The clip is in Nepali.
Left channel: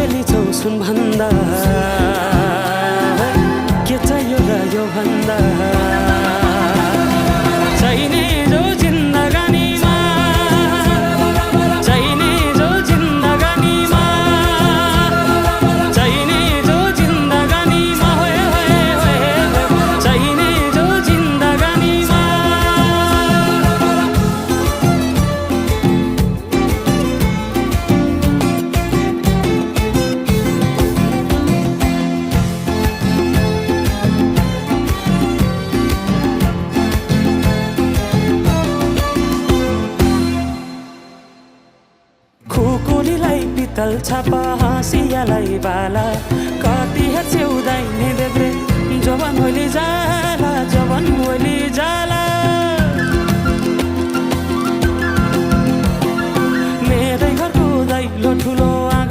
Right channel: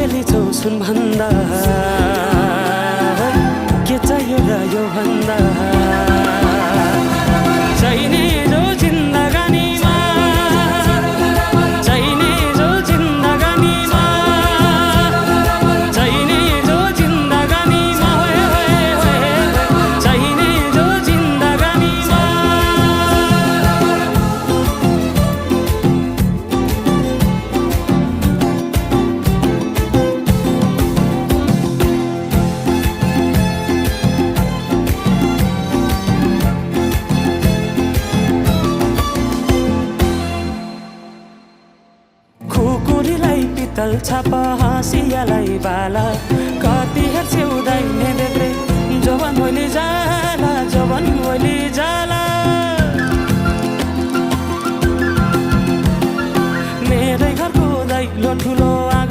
चेली छौ सुन भन्दा के चाहियो र यो भन्दा चाहिने जो जिन्दगानीमा चाहिने जो जिन्दगानीमा चाहिने जो जिन्दगानीमा होए होए होए चाहिने जो जिन्दगानीमा खुकुरीलाई पितल छापा हाँसियालाई बाला कति हेर्छौ दाइने देब्रे जवान होली जाला जवान होली जाला मेरै घरको दैलो ठुलो